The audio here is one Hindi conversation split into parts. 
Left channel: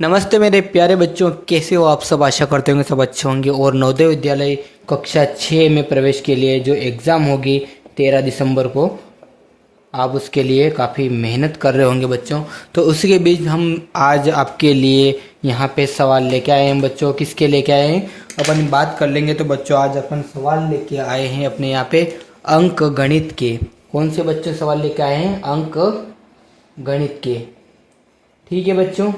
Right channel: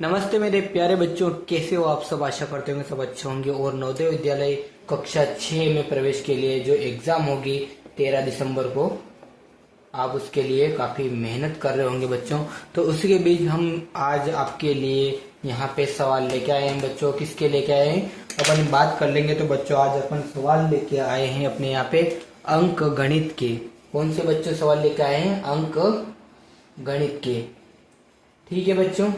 नमस्ते मेरे प्यारे बच्चों, कैसे हो आप सब। आशा करते होंगे सब अच्छे होंगे। और नवोदय विद्यालय कक्षा 6 में प्रवेश के लिए जो एग्ज़ाम होगी 13 दिसंबर को, आप उसके लिए काफ़ी मेहनत कर रहे होंगे बच्चों। तो उसी के बीच हम आज आपके लिए यहाँ पे सवाल लेके आए हैं बच्चों। किसके लेके आए हैं अपन बात कर लेंगे। तो बच्चों आज अपन सवाल लेके आए हैं अपने यहाँ पे अंक गणित के। कौन से बच्चों सवाल लेके आए हैं? अंक गणित के। ठीक है बच्चों,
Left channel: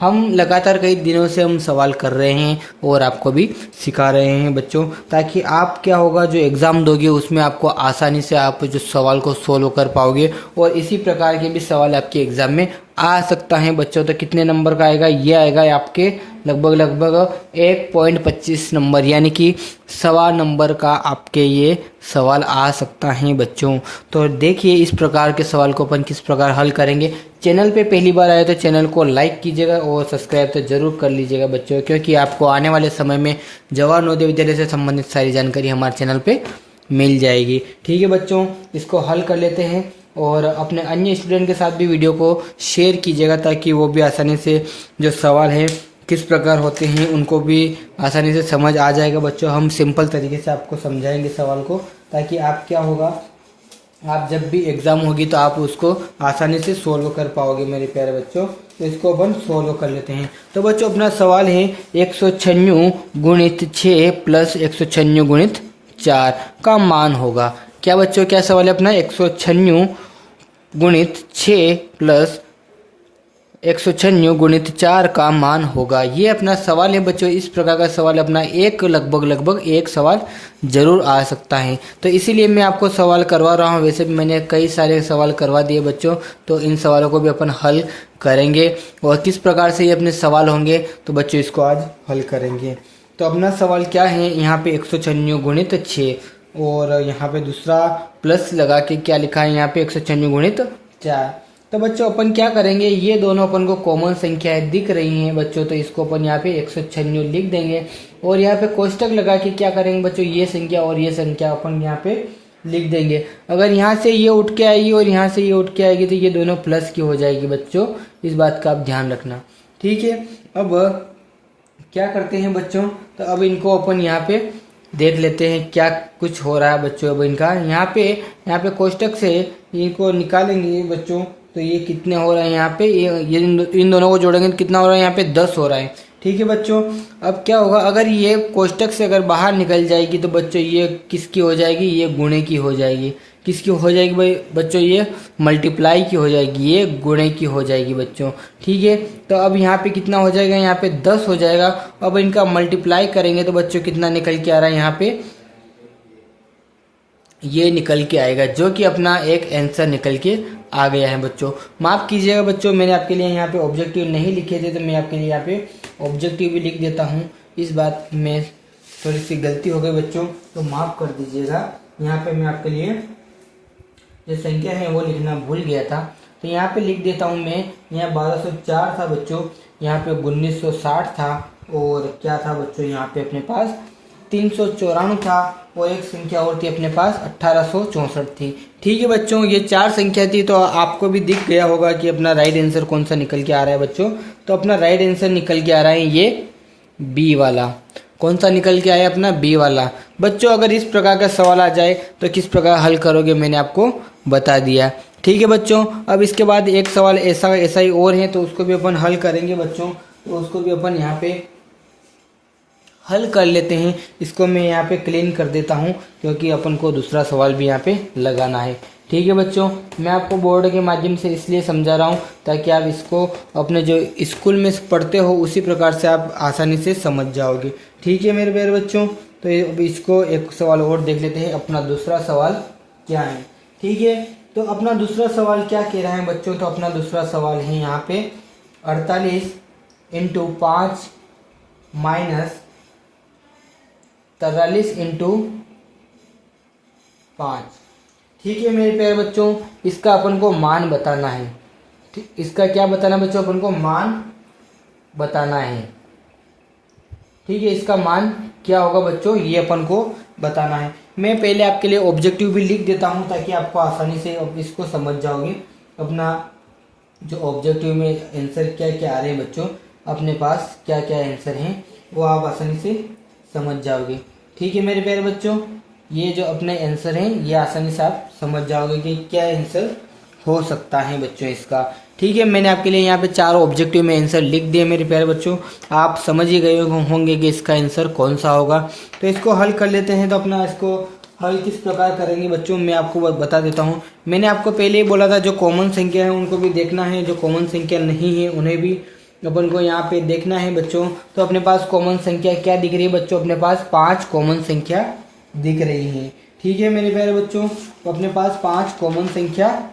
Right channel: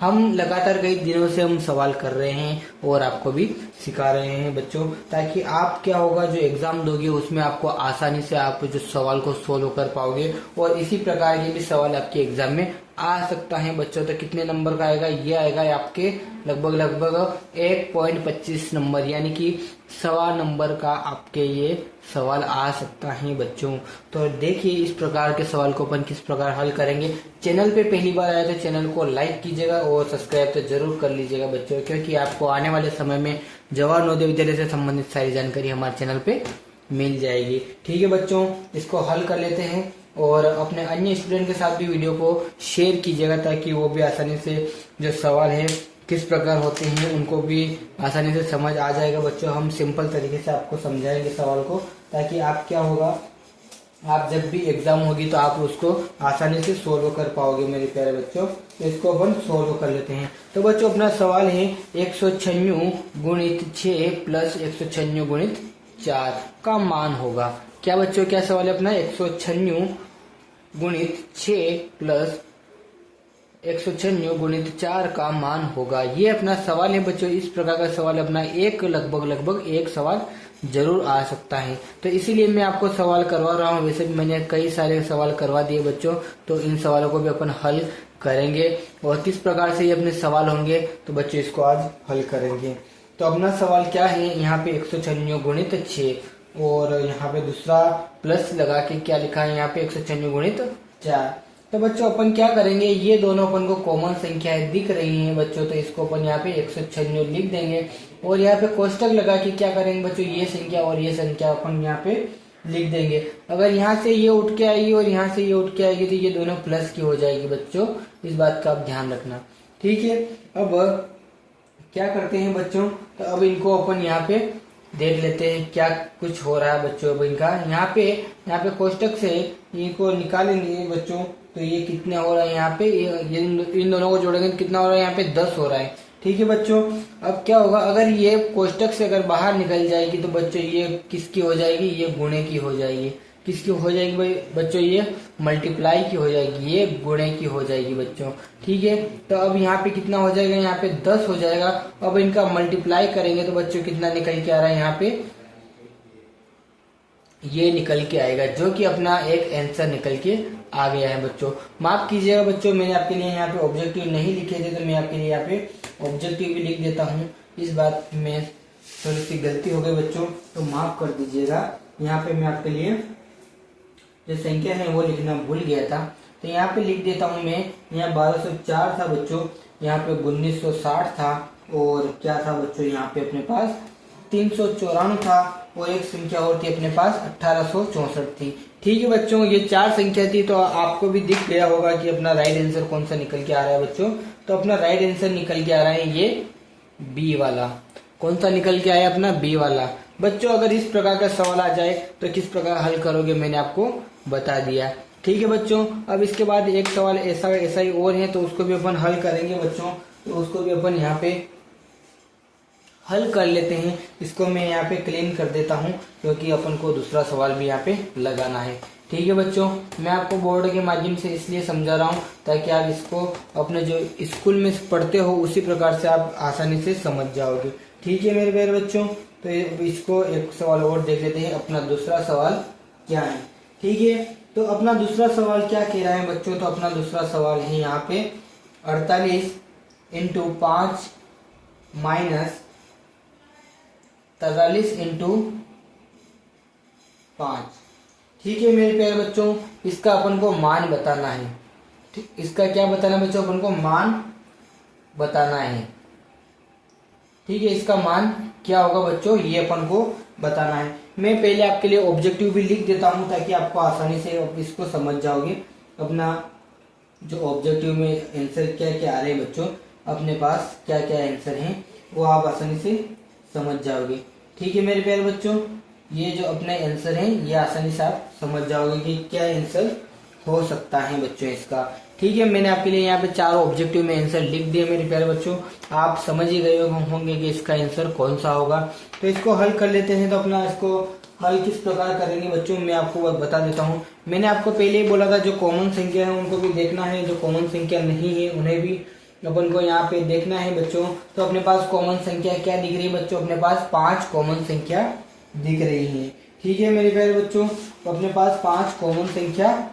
हम लगातार कई दिनों से हम सवाल कर रहे हैं और आपको भी सिखा रहे हैं बच्चों, ताकि आप क्या होगा जो एग्ज़ाम दोगे उसमें आपको आसानी से आप जो सवाल को सोल्व कर पाओगे। और इसी प्रकार के भी सवाल आपके एग्ज़ाम में आ सकता है बच्चों। तो कितने नंबर का आएगा? ये आएगा आपके लगभग 1.25 नंबर, यानी कि 1.25 नंबर का आपके ये सवाल आ सकता है बच्चों। तो देखिए इस प्रकार के सवाल को अपन किस प्रकार हल करेंगे। चैनल पे पहली बार आए तो चैनल को लाइक कीजिएगा और सब्सक्राइब तो जरूर कर लीजिएगा बच्चों, क्योंकि आपको आने वाले समय में जवाहर नवोदय विद्यालय से संबंधित सारी जानकारी हमारे चैनल पे मिल जाएगी। ठीक है बच्चों, इसको हल कर लेते हैं और अपने अन्य स्टूडेंट के साथ भी वीडियो को शेयर कीजिएगा, ताकि वो भी आसानी से जो सवाल है किस प्रकार होते हैं उनको भी आसानी से समझ आ जाएगा बच्चों। हम सिंपल तरीके से आपको समझाएंगे सवाल को, ताकि आप क्या होगा, आप जब भी एग्जाम होगी तो आप उसको आसानी से सोल्व कर पाओगे मेरे प्यारे बच्चों। तो इसको अपन सोल्व कर लेते हैं। तो बच्चों अपना सवाल है 196 गुणित 6 प्लस 196 गुणित 4 का मान होगा। क्या बच्चों, क्या सवाल है अपना? 196 गुणित 6 प्लस 196 गुणित 4 का मान होगा। ये अपना सवाल है बच्चों। इस प्रकार का सवाल अपना लगभग एक सवाल जरूर आ सकता है। तो इसीलिए मैं आपको सवाल करवा रहा हूँ। वैसे भी मैंने कई सारे सवाल करवा दिए बच्चों, तो इन सवालों को भी अपन हल करेंगे। और किस प्रकार से ये अपने सवाल होंगे तो बच्चों इसको आज हल करेंगे। तो अपना सवाल क्या है, यहाँ पे 196 गुणित 6 और यहाँ पे दूसरा प्लस लगा के क्या लिखा है यहाँ पे 196 गुणित 4। तो बच्चों अपन क्या करेंगे, ये दोनों अपन को कॉमन संख्याएं दिख रही हैं बच्चों, तो इसको अपन यहाँ पे 196 लिख देंगे। और यहाँ पे कोष्टक लगा के क्या करेंगे बच्चों, ये संख्या और ये संख्या अपन यहाँ पे लिख देंगे। अगर यहाँ से ये उठ के आएगी और यहाँ से ये उठ के आएगी तो ये दोनों प्लस की हो जाएगी बच्चों। इस बात का आप ध्यान रखना। ठीक है, अब क्या करते हैं बच्चों, तो अब इनको अपन यहाँ पे देख लेते हैं क्या कुछ हो रहा है बच्चों। अब इनका यहाँ पे कोष्टक से इनको निकालेंगे बच्चों, तो ये कितने हो रहे हैं यहाँ पे, ये इन दोनों को जोड़ेंगे तो कितना हो रहा है यहाँ पे 10 हो रहा है। ठीक है बच्चों, अब क्या होगा, अगर ये कोष्टक से अगर बाहर निकल जाएगी तो बच्चों ये किसकी हो जाएगी, ये गुणे की हो जाएगी। किसकी हो जाएगी भाई बच्चों, ये मल्टीप्लाई की हो जाएगी, ये गुणे की हो जाएगी बच्चों। ठीक है, तो अब यहाँ पे कितना हो जाएगा, यहाँ पे 10 हो जाएगा। अब इनका मल्टीप्लाई करेंगे तो बच्चों कितना निकल के आ रहा है यहाँ पे, ये निकल के आएगा, जो कि अपना एक आंसर निकल के आ गया है बच्चों। माफ कीजिएगा बच्चों, मैंने आपके लिए यहाँ पे ऑब्जेक्टिव नहीं लिखे थे, तो मैं आपके लिए यहाँ पे ऑब्जेक्टिव भी लिख देता हूँ। इस बात में थोड़ी सी गलती हो गई बच्चों, तो माफ कर दीजिएगा। यहाँ पे मैं आपके लिए जो संख्या है वो लिखना भूल गया था, तो यहाँ पे लिख देता हूँ मैं। यहाँ 1204 था बच्चों, यहाँ पे 1960 था, और क्या था बच्चों यहाँ पे अपने पास 394 था, और एक संख्या और थी अपने पास 1864 थी। ठीक है बच्चों, ये 4 संख्या थी। तो आपको भी दिख गया होगा कि अपना राइट आंसर कौन सा निकल के आ रहा है बच्चों। तो अपना राइट आंसर निकल के आ रहा है ये बी वाला। कौन सा निकल के आया? अपना बी वाला। बच्चों अगर इस प्रकार का सवाल आ जाए तो किस प्रकार हल करोगे मैंने आपको बता दिया। ठीक है बच्चों, अब इसके बाद एक सवाल ऐसा ही और है, तो उसको भी अपन हल करेंगे बच्चों। तो उसको भी अपन यहाँ पे हल कर लेते हैं। इसको मैं यहाँ पे क्लीन कर देता हूँ, क्योंकि अपन को दूसरा सवाल भी यहाँ पे लगाना है। ठीक है बच्चों, मैं आपको बोर्ड के माध्यम से इसलिए समझा रहा हूँ ताकि आप इसको अपने जो स्कूल में पढ़ते हो उसी प्रकार से आप आसानी से समझ जाओगे। ठीक है मेरे प्यारे बच्चों, तो इसको एक सवाल और देख लेते हैं, अपना दूसरा सवाल क्या है। ठीक है, तो अपना दूसरा सवाल क्या कह रहा है बच्चों, तो अपना दूसरा सवाल है यहाँ पे 48 × 5 माइनस 43 × 5। ठीक है मेरे प्यारे बच्चों, इसका अपन को मान बताना है। ठीक, इसका क्या बताना है बच्चों, अपन को मान बताना है। ठीक है, इसका मान क्या होगा बच्चों, ये अपन को बताना है। मैं पहले आपके लिए ऑब्जेक्टिव भी लिख देता हूं, ताकि आपको आसानी से इसको समझ जाओगे। अपना जो ऑब्जेक्टिव में आंसर क्या क्या आ रहे हैं बच्चों, अपने पास क्या क्या आंसर हैं वो आप आसानी से समझ जाओगे। ठीक है मेरे प्यारे बच्चों, ये जो अपने आंसर हैं ये आसानी से आप समझ जाओगे कि क्या आंसर हो सकता है बच्चों इसका। ठीक है, मैंने आपके लिए यहाँ पे 4 ऑब्जेक्टिव में आंसर लिख दिए मेरे प्यारे बच्चों, आप समझ ही गए होंगे कि इसका आंसर कौन सा होगा। तो इसको हल कर लेते हैं। तो अपना इसको हल किस प्रकार करेंगे बच्चों, मैं आपको बता देता हूँ। मैंने आपको पहले ही बोला था जो कॉमन संख्या है उनको भी देखना है, जो कॉमन संख्या नहीं है उन्हें भी अपन को यहाँ पे देखना है बच्चों। तो अपने पास कॉमन संख्या क्या दिख रही है बच्चों, अपने पास 5 कॉमन संख्या दिख रही है। ठीक है मेरे प्यारे बच्चों, तो अपने पास 5 कॉमन संख्या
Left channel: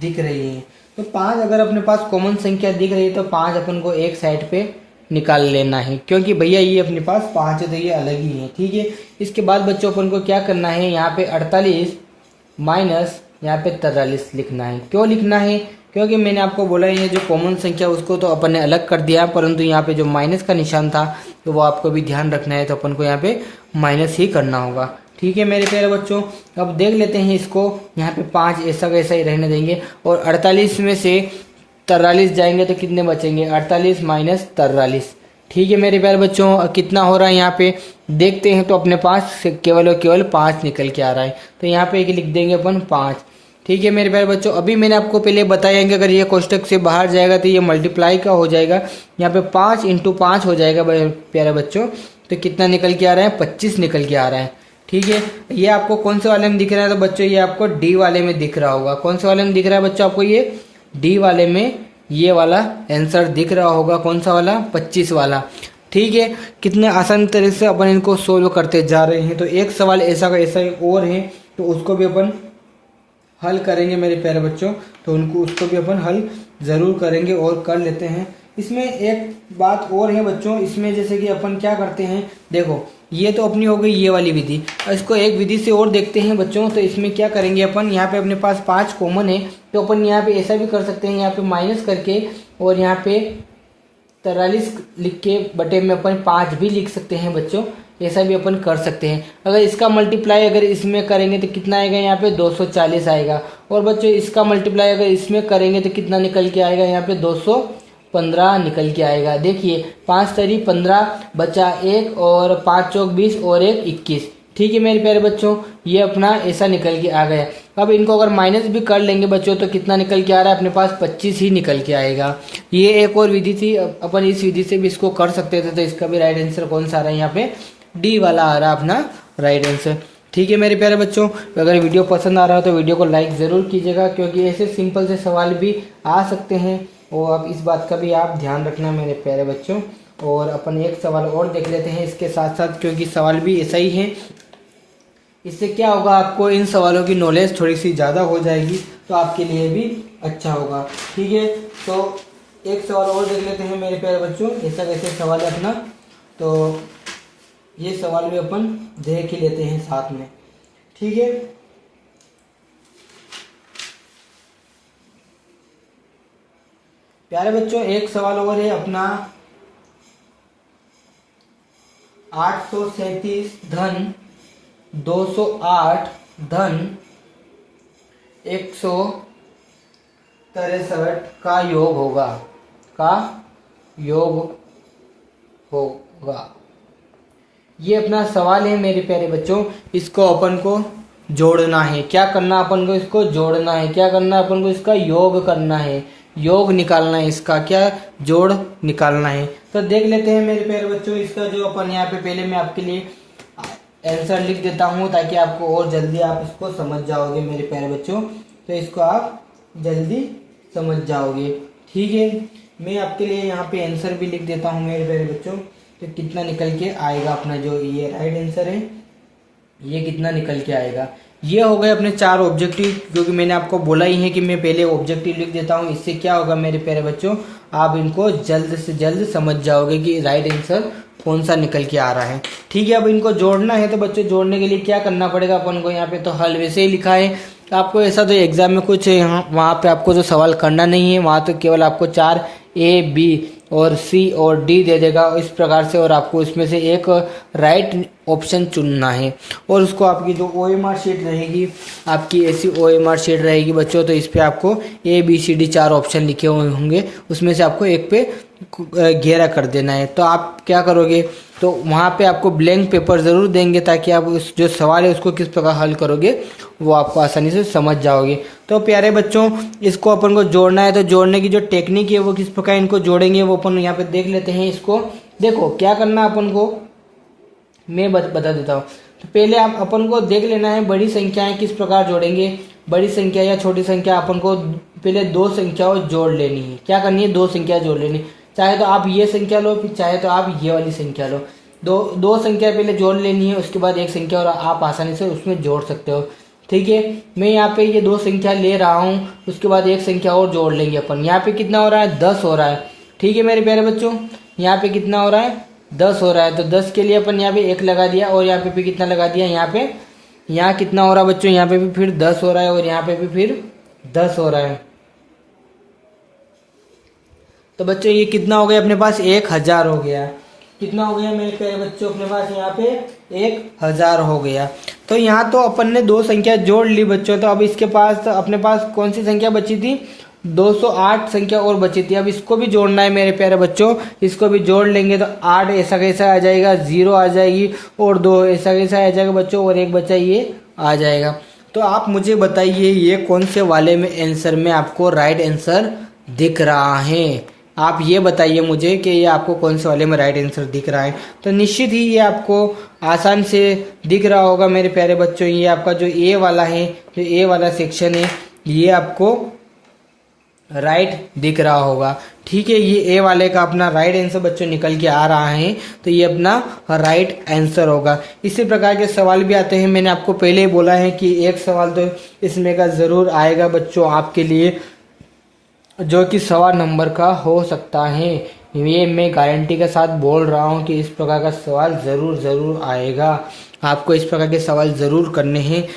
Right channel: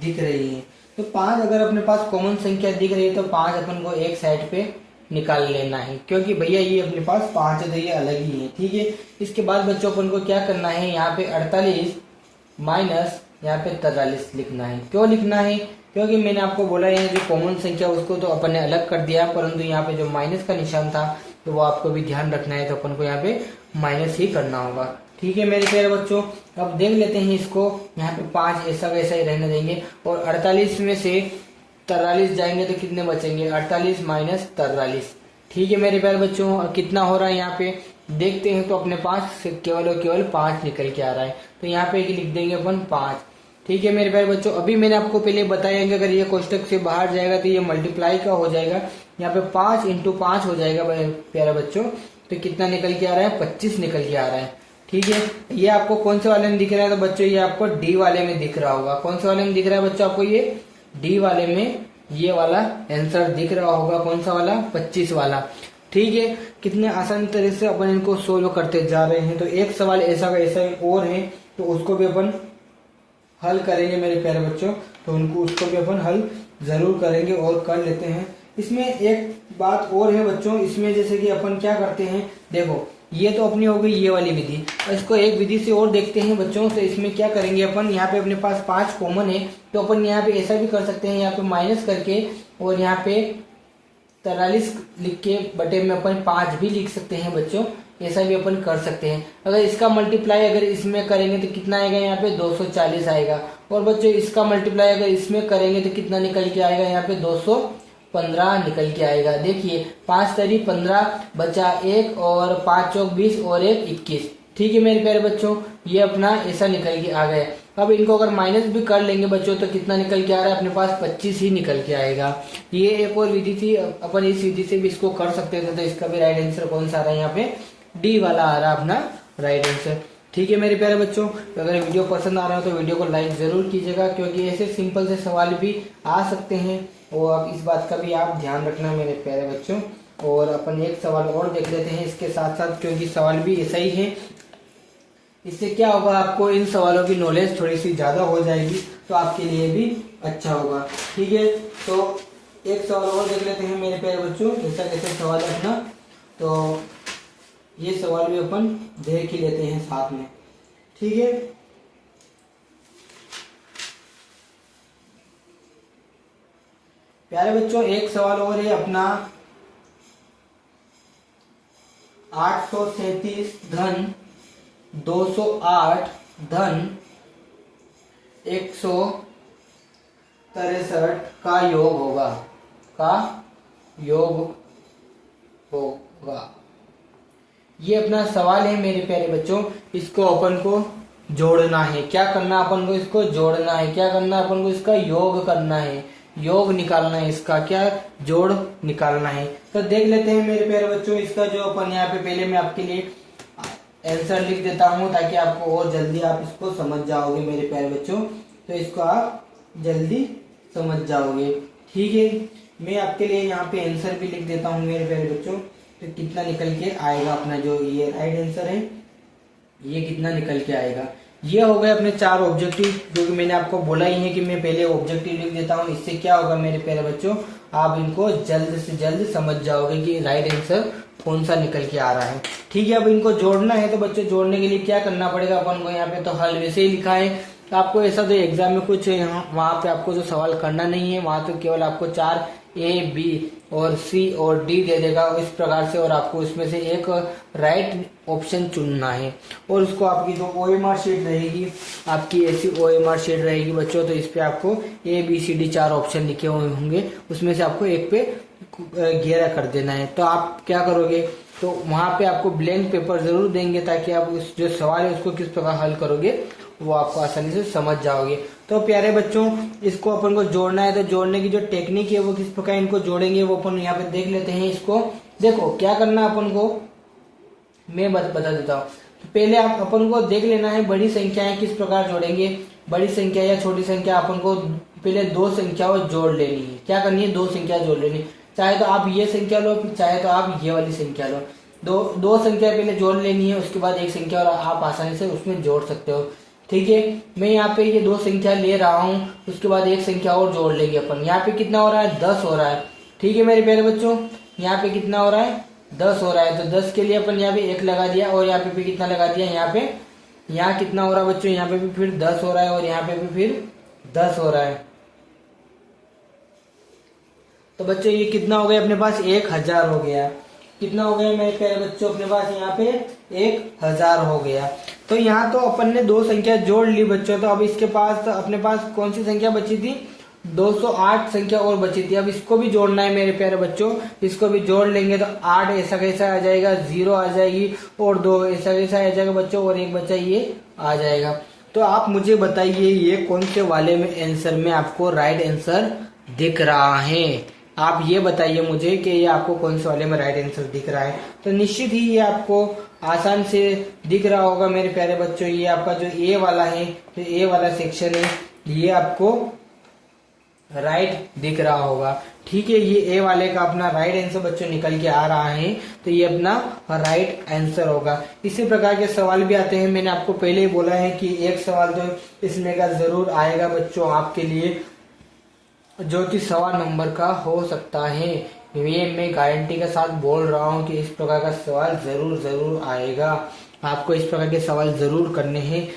दिख रही है। तो 5 अगर अपने पास कॉमन संख्या दिख रही है तो 5 अपन को एक साइड पे निकाल लेना है, क्योंकि भैया ये अपने पास 5 है तो ये अलग ही है। ठीक है, इसके बाद बच्चों अपन को क्या करना है, यहाँ पे 48 माइनस यहाँ पे 43 लिखना है। क्यों लिखना है, क्योंकि मैंने आपको बोला है जो कॉमन संख्या उसको तो अपन ने अलग कर दिया, परंतु यहाँ पे जो माइनस का निशान था तो वो आपको भी ध्यान रखना है, तो अपन को यहाँ पे माइनस ही करना होगा। ठीक है मेरे प्यारे बच्चों, अब देख लेते हैं इसको। यहाँ पे 5 ऐसा वैसा ही रहने देंगे और 48 में से 43 जाएंगे तो कितने बचेंगे, 48 माइनस 43। ठीक है मेरे प्यारे बच्चों, कितना हो रहा है यहाँ पे देखते हैं। तो अपने पास से केवल और केवल 5 निकल के आ रहा है, तो यहाँ पे लिख देंगे अपन 5। ठीक है मेरे प्यारे बच्चों, अभी मैंने आपको पहले बताया कि अगर ये कोष्टक से बाहर जाएगा तो ये मल्टीप्लाई का हो जाएगा, यहाँ पे 5 × 5 हो जाएगा प्यारे बच्चों। तो कितना निकल के आ रहा है, 25 निकल के आ रहा है। ठीक है, ये आपको कौन से वाले में दिख रहा है, तो बच्चों ये आपको डी वाले में दिख रहा होगा। कौन से वाले में दिख रहा है बच्चों आपको, ये डी वाले में ये वाला आंसर दिख रहा होगा। कौन सा वाला, 25 वाला। ठीक है, कितने आसान तरह से अपन इनको सोल्व करते जा रहे हैं। तो एक सवाल ऐसा का ऐसा और है तो उसको भी अपन हल करेंगे मेरे प्यारे बच्चों, तो उसको भी अपन हल जरूर करेंगे और कर लेते हैं। इसमें एक बात और है बच्चों, इसमें जैसे कि अपन क्या करते हैं, देखो ये तो अपनी हो गई ये वाली विधि, इसको एक विधि से और देखते हैं बच्चों। तो इसमें क्या करेंगे अपन, यहाँ पे अपने पास 5 कॉमन है तो अपन यहाँ पे ऐसा भी कर सकते हैं, यहाँ पे माइनस करके और यहाँ पे 43 लिख के बटे में अपन 5 भी लिख सकते हैं बच्चों, ऐसा भी अपन कर सकते हैं। अगर इसका मल्टीप्लाई अगर इसमें करेंगे तो कितना आएगा, यहाँ पे 240 आएगा। और बच्चों इसका मल्टीप्लाई अगर इसमें करेंगे तो कितना निकल के आएगा, यहाँ पे 215 निकल के आएगा। देखिए 5 तरी 15 बचा 1 और 5 चौक 20 और 1 21। ठीक है मेरे प्यारे बच्चों, ये अपना ऐसा निकल के आ गया। अब इनको अगर माइनस भी कर लेंगे बच्चों तो कितना निकल के आ रहा है, अपने पास 25 ही निकल के आएगा। ये एक और विधि थी, अपन इस विधि से भी इसको कर सकते थे। तो इसका भी राइट आंसर कौन सा आ रहा है, यहाँ पे डी वाला आ रहा है अपना राइट आंसर। ठीक है मेरे प्यारे बच्चों, अगर वीडियो पसंद आ रहा हो तो वीडियो को लाइक ज़रूर कीजिएगा, क्योंकि ऐसे सिंपल से सवाल भी आ सकते हैं और अब इस बात का भी आप ध्यान रखना मेरे प्यारे बच्चों। और अपन एक सवाल और देख लेते हैं इसके साथ साथ, क्योंकि सवाल भी ऐसा ही है। इससे क्या होगा, आपको इन सवालों की नॉलेज थोड़ी सी ज़्यादा हो जाएगी तो आपके लिए भी अच्छा होगा। ठीक है, तो एक सवाल और देख लेते हैं मेरे प्यारे बच्चों, ऐसा कैसे सवाल है अपना। तो ये सवाल भी अपन देख ही लेते हैं साथ में। ठीक है, प्यारे बच्चों एक सवाल और है अपना, 837 धन 208 धन 163 का योग होगा, ये अपना सवाल है मेरे प्यारे बच्चों। इसको अपन को जोड़ना है, क्या करना अपन को, इसको जोड़ना है। क्या करना है अपन को, इसका योग करना है, योग निकालना है, इसका क्या जोड़ निकालना है। तो देख लेते हैं मेरे प्यारे बच्चों, इसका जो अपन यहाँ पे पहले मैं आपके लिए आंसर लिख देता हूँ ताकि आपको और जल्दी आप इसको समझ जाओगे मेरे प्यारे बच्चों। तो इसको आप जल्दी समझ जाओगे। ठीक है, मैं आपके लिए यहाँ पे आंसर भी लिख देता हूँ मेरे प्यारे बच्चों। तो कितना निकल के आएगा अपना जो ये राइट आंसर है, ये कितना निकल के आएगा। ये हो गए अपने 4 ऑब्जेक्टिव, जो कि मैंने आपको बोला ही है कि मैं पहले ऑब्जेक्टिव लिख देता हूँ। इससे क्या होगा मेरे प्यारे बच्चों, आप इनको जल्द से जल्द समझ जाओगे कि राइट आंसर कौन सा निकल के आ रहा है। ठीक है, अब इनको जोड़ना है। तो बच्चों जोड़ने के लिए क्या करना पड़ेगा अपन को, यहाँ पे तो हल वैसे ही लिखा है। आपको ऐसा तो एग्जाम में कुछ यहाँ वहाँ पे आपको जो सवाल करना नहीं है, वहाँ तो केवल आपको 4 ए बी और सी और डी दे देगा इस प्रकार से, और आपको इसमें से एक राइट ऑप्शन चुनना है। और उसको आपकी जो OMR शीट रहेगी, आपकी ऐसी OMR शीट रहेगी बच्चों, तो इस पे आपको ABCD 4 ऑप्शन लिखे हुए होंगे, उसमें से आपको एक पे घेरा कर देना है। तो आप क्या करोगे, तो वहाँ पे आपको ब्लैंक पेपर ज़रूर देंगे ताकि आप उस जो सवाल है उसको किस प्रकार हल करोगे वो आपको आसानी से समझ जाओगे। तो प्यारे बच्चों, इसको अपन को जोड़ना है, तो जोड़ने की जो टेक्निक है वो किस प्रकार इनको जोड़ेंगे वो अपन यहाँ पे देख लेते हैं। इसको देखो क्या करना अपन को मैं बता देता हूँ। तो पहले आप अपन को देख लेना है बड़ी संख्याएं किस प्रकार जोड़ेंगे। बड़ी संख्या या छोटी संख्या अपन को पहले दो संख्याओं जोड़ लेनी है। क्या करनी है, दो संख्या जोड़ लेनी है। चाहे तो आप ये संख्या लो, चाहे तो आप ये वाली संख्या लो। दो संख्या पहले जोड़ लेनी है, उसके बाद एक संख्या और आप आसानी से उसमें जोड़ सकते हो। ठीक है, मैं यहाँ पे ये दो संख्या ले रहा हूँ, उसके बाद एक संख्या और जोड़ लेंगे अपन। यहाँ पे कितना हो रहा है, 10 हो रहा है। ठीक है मेरे प्यारे बच्चों, यहाँ पे कितना हो रहा है, 10 हो रहा है। तो 10 के लिए अपन यहाँ पे 1 लगा दिया, और यहाँ पे भी कितना लगा दिया, यहाँ कितना हो रहा है बच्चों, यहाँ पे भी फिर 10 हो रहा है, और यहाँ पे भी फिर 10 हो रहा है। तो बच्चों ये कितना हो गया अपने पास, 1000 हो गया। कितना हो गया मेरे प्यारे बच्चों अपने पास, यहाँ पे 1000 हो गया। तो यहाँ तो अपन ने दो संख्या जोड़ ली बच्चों। तो अब इसके पास अपने पास कौन सी संख्या बची थी, 208 संख्या और बची थी। अब इसको भी जोड़ना है मेरे प्यारे बच्चों, इसको भी जोड़ लेंगे। तो 8 ऐसा कैसा आ जाएगा, 0 आ जाएगी, और 2 ऐसा कैसा आ जाएगा बच्चों, और एक बच्चा ये आ जाएगा। तो आप मुझे बताइए ये कौन से वाले में आंसर में आपको राइट आंसर दिख रहा है। आप ये बताइए मुझे कि ये आपको कौन से वाले में राइट आंसर दिख रहा है। तो निश्चित ही ये आपको आसान से दिख रहा होगा मेरे प्यारे बच्चों। ये आपका जो ए वाला है, जो ए वाला सेक्शन है, ये आपको राइट दिख रहा होगा। ठीक है, ये ए वाले का अपना राइट आंसर बच्चों निकल के आ रहा है, तो ये अपना राइट आंसर होगा। इसी प्रकार के सवाल भी आते हैं। मैंने आपको पहले ही बोला है कि एक सवाल तो इसमें का जरूर आएगा बच्चों आपके लिए, जो कि 1.25 नंबर का हो सकता है। ये मैं गारंटी के साथ बोल रहा हूँ कि इस प्रकार का सवाल जरूर आएगा। आपको इस प्रकार के सवाल जरूर करने हैं,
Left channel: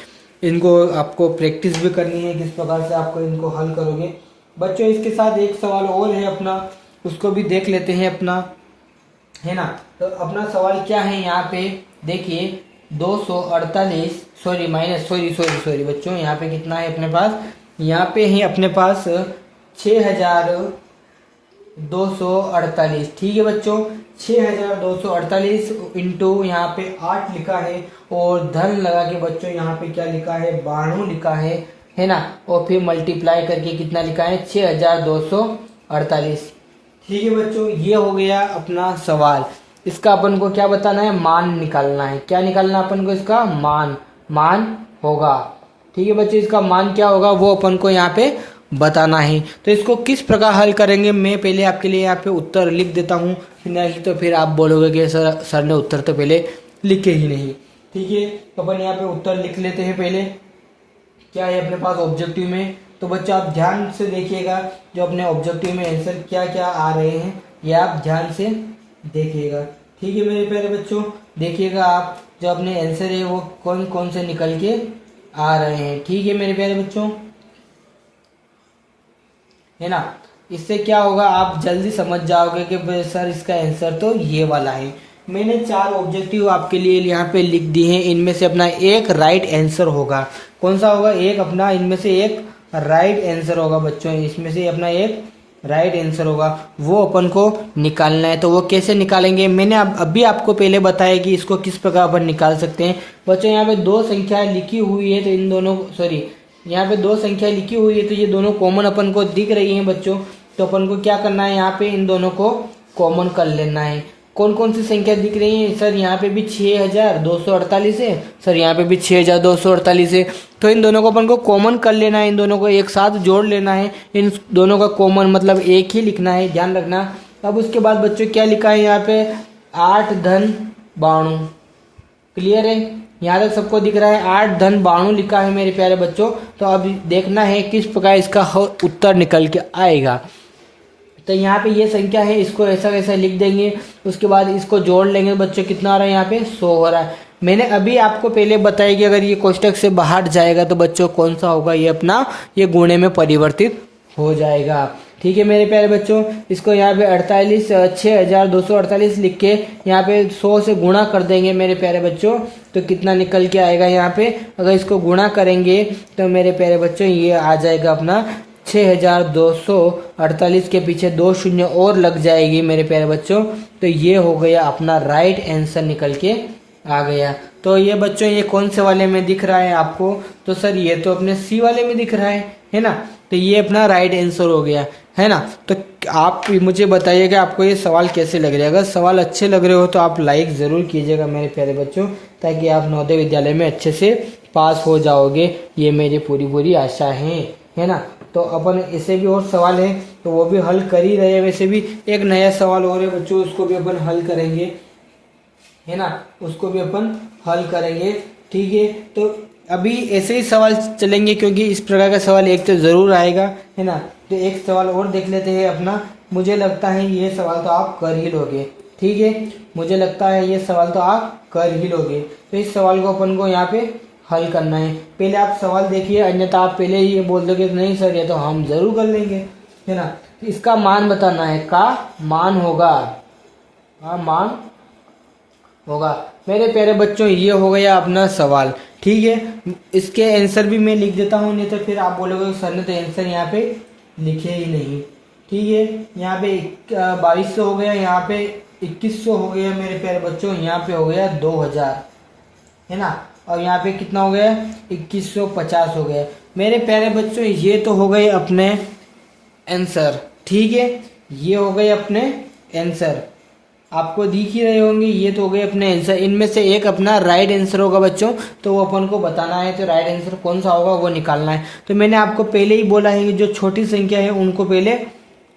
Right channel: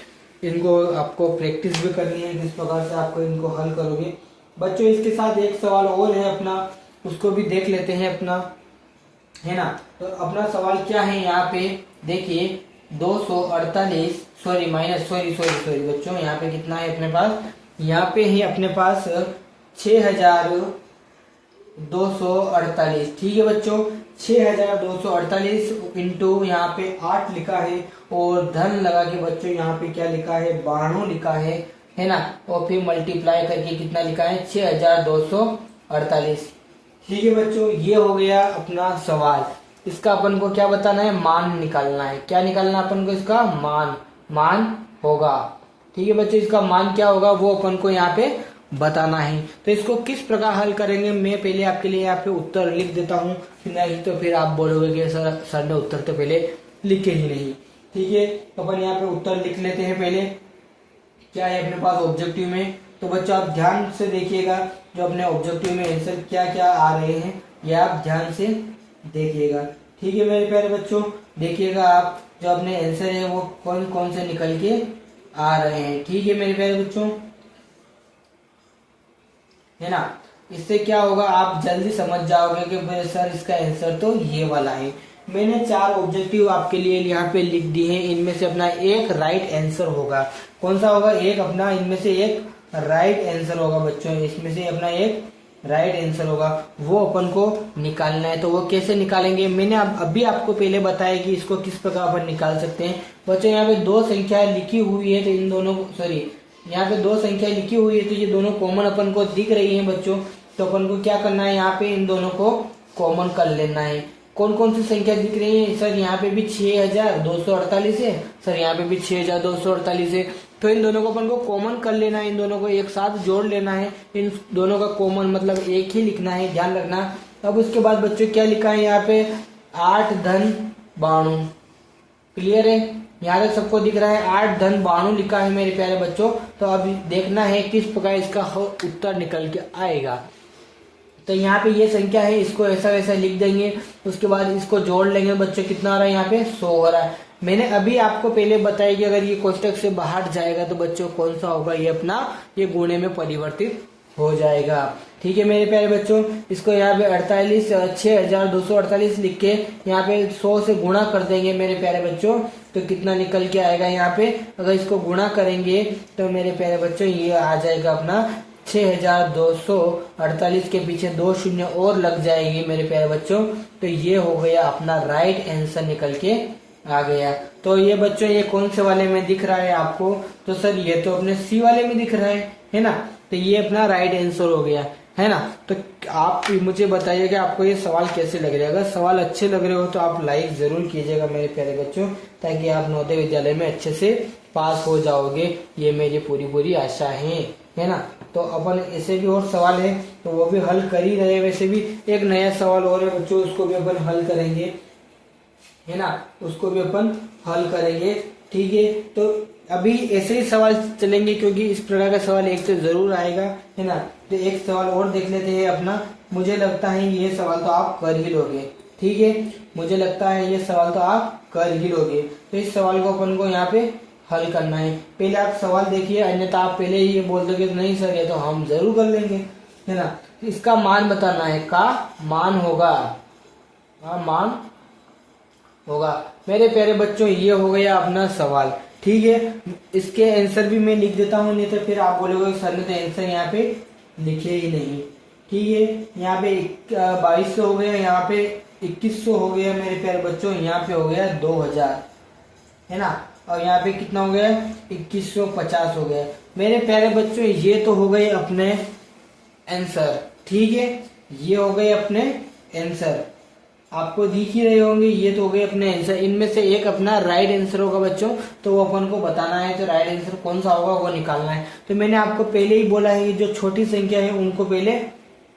इनको आपको प्रैक्टिस भी करनी है किस प्रकार से आपको इनको हल करोगे बच्चों। इसके साथ एक सवाल और है अपना, उसको भी देख लेते हैं अपना, है ना। तो अपना सवाल क्या है यहाँ पे देखिए, 248 सॉरी बच्चों, यहाँ पे कितना है अपने पास, यहाँ पे है अपने पास 6248। ठीक है बच्चों, 6248 इंटू यहाँ पे 8 लिखा है, और धन लगा के बच्चों यहाँ पे क्या लिखा है, 92 लिखा है ना, और फिर मल्टीप्लाई करके कितना लिखा है, 6248। ठीक है बच्चों, ये हो गया अपना सवाल। इसका अपन को क्या बताना है, मान निकालना है। क्या निकालना अपन को, इसका मान होगा। ठीक है बच्चे, इसका मान क्या होगा वो अपन को यहाँ पे बताना है। तो इसको किस प्रकार हल करेंगे, मैं पहले आपके लिए यहाँ पे उत्तर लिख देता हूँ, नहीं तो फिर आप बोलोगे कि सर ने उत्तर तो पहले लिखे ही नहीं। ठीक है, तो अपन यहाँ पे उत्तर लिख लेते हैं। पहले क्या है अपने पास ऑब्जेक्टिव में, तो बच्चों आप ध्यान से देखिएगा जो अपने ऑब्जेक्टिव में आंसर क्या क्या आ रहे हैं, ये आप ध्यान से देखिएगा। ठीक है मेरे प्यारे बच्चों, देखिएगा आप जो अपने आंसर है वो कौन कौन से निकल के आ रहे हैं। ठीक है मेरे प्यारे बच्चों, है ना। इससे क्या होगा, आप जल्दी समझ जाओगे कि सर इसका आंसर तो ये वाला है। मैंने 4 ऑब्जेक्टिव आपके लिए यहाँ पे लिख दिए हैं, इनमें से अपना एक राइट आंसर होगा। कौन सा होगा, एक अपना इनमें से एक राइट आंसर होगा बच्चों, इसमें से अपना एक राइट आंसर होगा, वो अपन को निकालना है। तो वो कैसे निकालेंगे, मैंने अभी आपको पहले बताया कि इसको किस प्रकार अपन निकाल सकते हैं बच्चों। यहाँ पे 2 संख्या लिखी हुई है, तो इन दोनों यहाँ पे 2 संख्या लिखी हुई है, तो ये दोनों कॉमन अपन को दिख रही हैं बच्चों। तो अपन को क्या करना है, यहाँ पे इन दोनों को कॉमन कर लेना है। कौन कौन सी संख्या दिख रही है, सर यहाँ पे भी 6248 है, सर यहाँ पे भी 6248 है। तो इन दोनों को अपन को कॉमन कर लेना है, इन दोनों को एक साथ जोड़ लेना है। इन दोनों का कॉमन मतलब एक ही लिखना है, ध्यान रखना। अब उसके बाद बच्चों क्या लिखा है यहाँ पे, 8 धन 92। क्लियर है, यहाँ तक सबको दिख रहा है, 8 धन 92 लिखा है मेरे प्यारे बच्चों। तो अब देखना है किस प्रकार इसका उत्तर निकल के आएगा। तो यहाँ पे ये संख्या है, इसको ऐसा वैसा लिख देंगे, उसके बाद इसको जोड़ लेंगे बच्चों, कितना हो रहा है यहाँ पे, 100 हो रहा है। मैंने अभी आपको पहले बताया कि अगर ये कोष्टक से बाहर जाएगा तो बच्चों कौन सा होगा, ये अपना ये गुणे में परिवर्तित हो जाएगा। ठीक है मेरे प्यारे बच्चों, इसको यहाँ पे 6248 लिख के यहाँ पे 100 से गुणा कर देंगे मेरे प्यारे बच्चों, तो कितना निकल के आएगा यहाँ पे। अगर इसको गुणा करेंगे तो मेरे प्यारे बच्चों ये आ जाएगा अपना 6248 के पीछे 2 शून्य और लग जाएगी मेरे प्यारे बच्चों, तो ये हो गया अपना राइट आंसर निकल के आ गया। तो ये बच्चों ये कौन से वाले में दिख रहा है आपको, तो सर ये तो अपने सी वाले में दिख रहा है ना, तो ये अपना राइट आंसर हो गया है ना। तो आप मुझे बताइएगा आपको ये सवाल कैसे लग रहे हैं। अगर सवाल अच्छे लग रहे हो तो आप लाइक जरूर कीजिएगा मेरे प्यारे बच्चों, ताकि आप नवोदय विद्यालय में अच्छे से पास हो जाओगे, ये मेरी पूरी आशा है ना। तो अपन ऐसे भी और सवाल है तो वो भी हल कर ही रहे हैं। वैसे भी एक नया सवाल और है बच्चों, उसको भी अपन हल करेंगे है ना, उसको भी अपन हल करेंगे। ठीक है, तो अभी ऐसे ही सवाल चलेंगे क्योंकि इस प्रकार का सवाल एक तो जरूर आएगा है ना। तो एक सवाल और देख लेते हैं अपना, मुझे लगता है ये सवाल तो आप कर ही लोगे। ठीक है, मुझे लगता है ये सवाल तो आप कर ही लोगे। तो इस सवाल को अपन को यहाँ पे हल करना है। पहले आप सवाल देखिए, अन्यथा आप पहले ही ये बोल दोगे नहीं सर ये तो हम जरूर कर लेंगे है ना। तो इसका मान बताना है, का मान होगा, मान होगा मेरे प्यारे बच्चों। ये हो गया अपना सवाल। ठीक है, इसके आंसर भी मैं लिख देता हूँ, नहीं तो फिर आप बोलोगे सर ने तो आंसर यहाँ पे लिखे ही नहीं। ठीक है, यहाँ पे 2200 हो गया, यहाँ पे 2100 हो गया मेरे प्यारे बच्चों, यहाँ पे हो गया 2000 है ना, और यहाँ पे कितना हो गया 2150 हो गया मेरे प्यारे बच्चों। ये तो हो गए अपने आंसर। ठीक है, ये हो गए अपने आंसर, आपको दिख ही रहे होंगे, ये तो हो गए अपने आंसर। इनमें से एक अपना राइट आंसर होगा बच्चों, तो वो अपन को बताना है। तो राइट आंसर कौन सा होगा वो निकालना है। तो मैंने आपको पहले ही बोला है कि जो छोटी संख्या है उनको पहले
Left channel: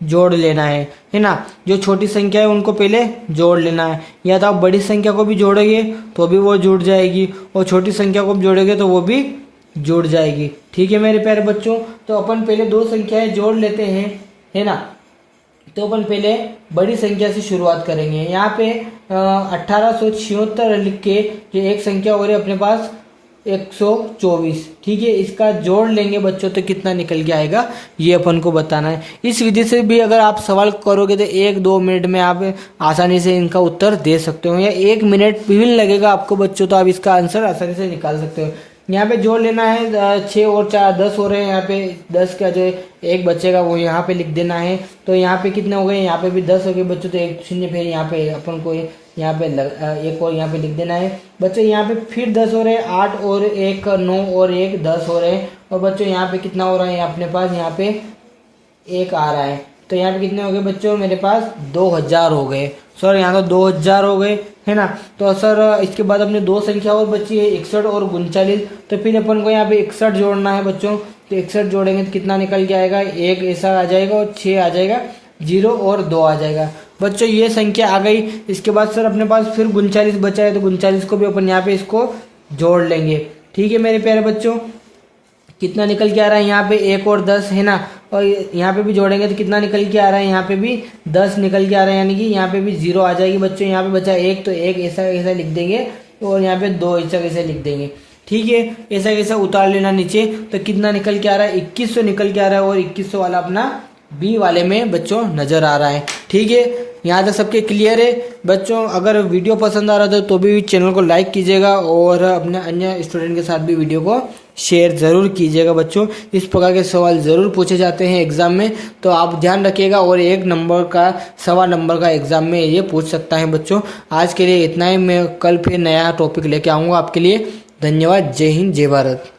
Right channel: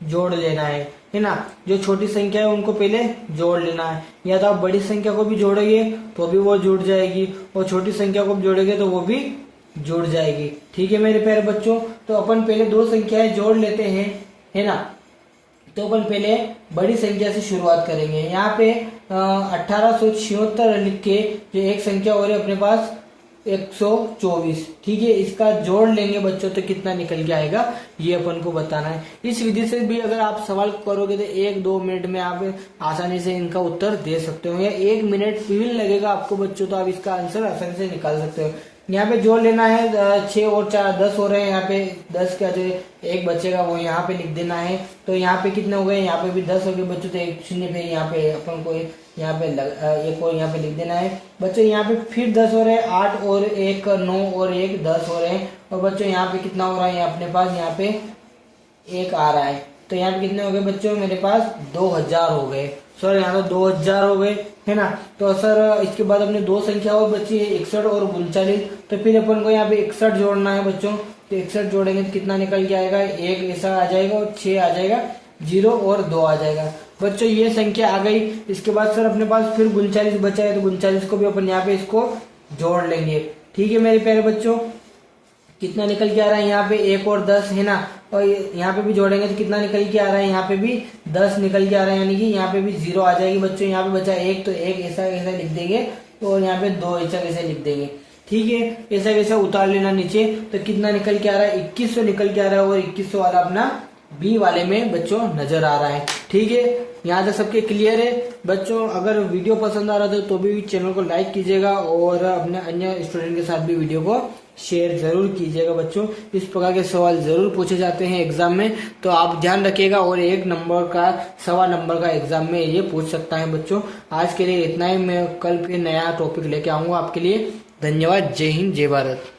जोड़ लेना है ना। जो छोटी संख्या है उनको पहले जोड़ लेना है, या तो आप बड़ी संख्या को भी जोड़ेंगे तो भी वो जुड़ जाएगी, और छोटी संख्या को भी जोड़ेंगे तो वो भी जुड़ जाएगी। ठीक है मेरे प्यारे बच्चों, तो अपन पहले 2 संख्याएं जोड़ लेते हैं है ना। तो अपन पहले बड़ी संख्या से शुरुआत करेंगे। यहाँ पे 1876 लिख के जो एक संख्या हो रही है अपने पास 124। ठीक है, इसका जोड़ लेंगे बच्चों तो कितना निकल के आएगा ये अपन को बताना है। इस विधि से भी अगर आप सवाल करोगे तो 1-2 मिनट में आप आसानी से इनका उत्तर दे सकते हो, या 1 मिनट भी लगेगा आपको बच्चों, तो आप इसका आंसर आसानी से निकाल सकते हो। यहाँ पे जोड़ लेना है, 6 और 4 10 हो रहे हैं। यहाँ पे 10 का जो एक बचेगा वो यहाँ पे लिख देना है। तो यहाँ पे कितने हो गए, यहाँ पे भी 10 हो गए बच्चों, तो 1 शून्य फिर यहाँ पे अपन को यहाँ पे एक और यहाँ पे लिख देना है बच्चों। यहाँ पे फिर 10 हो रहे हैं, 8 और 1 9 और 1 10 हो रहे हैं। और बच्चों यहाँ पे कितना हो रहा है, अपने पास यहाँ पे 1 आ रहा है। तो यहाँ पे कितने हो गए बच्चों, मेरे पास 2000 हो गए। सर यहाँ तो 2000 हो गए है ना। तो सर इसके बाद अपने 2 संख्या और बची है 61 और 39। तो फिर अपन को यहाँ पे 61 जोड़ना है बच्चों। तो 61 जोड़ेंगे तो कितना निकल के आएगा, 1 ऐसा आ जाएगा और 6 आ जाएगा, 0 और 2 आ जाएगा बच्चों। ये संख्या आ गई। इसके बाद सर अपने पास फिर 39 बचा है, तो 39 को भी अपन यहाँ पे इसको जोड़ लेंगे। ठीक है मेरे प्यारे बच्चों, कितना निकल के आ रहा है, यहाँ पे 1 और 10 है ना, और यहाँ पे भी जोड़ेंगे तो कितना निकल के आ रहा है, यहाँ पे भी 10 निकल के आ रहा है, यानी कि यहाँ पे भी 0 आ जाएगी बच्चों। यहाँ पे बचा 1, तो 1 ऐसा ऐसा लिख देंगे, और यहाँ पे 2 ऐसा कैसे लिख देंगे। ठीक है, ऐसा कैसे उतार लेना नीचे। तो कितना निकल के आ रहा है, 2100 निकल के आ रहा है, और 2100 वाला अपना बी वाले में बच्चों नजर आ रहा है। ठीक है, यहाँ तक सबके क्लियर है बच्चों। अगर वीडियो पसंद आ रहा था तो भी चैनल को लाइक कीजिएगा, और अपने अन्य स्टूडेंट के साथ भी वीडियो को शेयर जरूर कीजिएगा बच्चों। इस प्रकार के सवाल जरूर पूछे जाते हैं एग्जाम में, तो आप ध्यान रखिएगा। और 1 नंबर का 1.25 नंबर का एग्जाम में ये पूछ सकता है बच्चों। आज के लिए इतना ही, मैं कल फिर नया टॉपिक लेके आऊँगा आपके लिए। धन्यवाद, जय हिंद, जय भारत।